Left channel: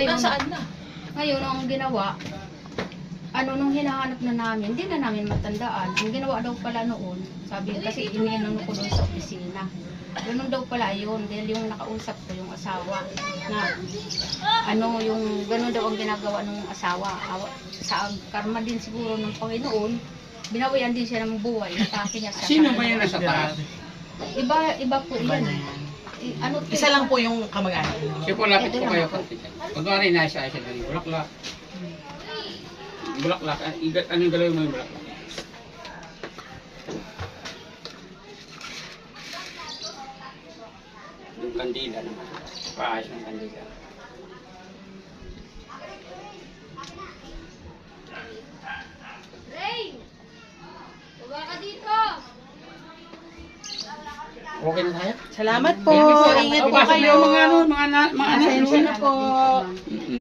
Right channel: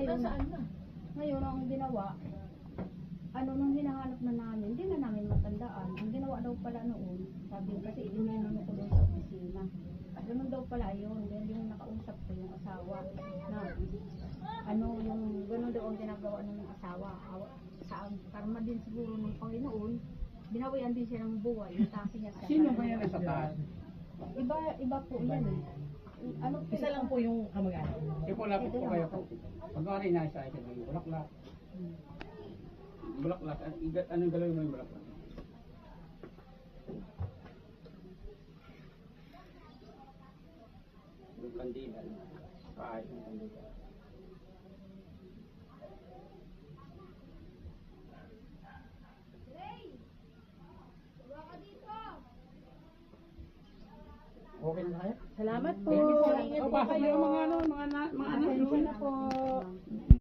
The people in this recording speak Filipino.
Ngayon, Nasaan na? ngayon ang ginawa, ano nung hinahanap na namin, hindi na namin matandaan. Ang ginawa daw pala noon, sabi kasi iniinom ko doon sa opisina. Ganun daw pala yun, dahil yung nakausap ko yung asawa na ano yung ganun daw ang ginagawa ng asawa. Awa- Sa karma din siguro ng Panginoon, binawian din siya ng buhay, natake niya sa Sino ba yung nasa taas? Iba, iba po yan. Ano, Isa lang po yung kamag-anak. Sige po, lapit po kayo. Kunwari nasa siya dali. Bulaklak. Bulaklak. Ano yung galawin mo yung bulaklak? Yung kandila naman. Paayos ng kandila. Okay na tayo? Salamat po. Ingat po kayo. mga ano, mga mga na po.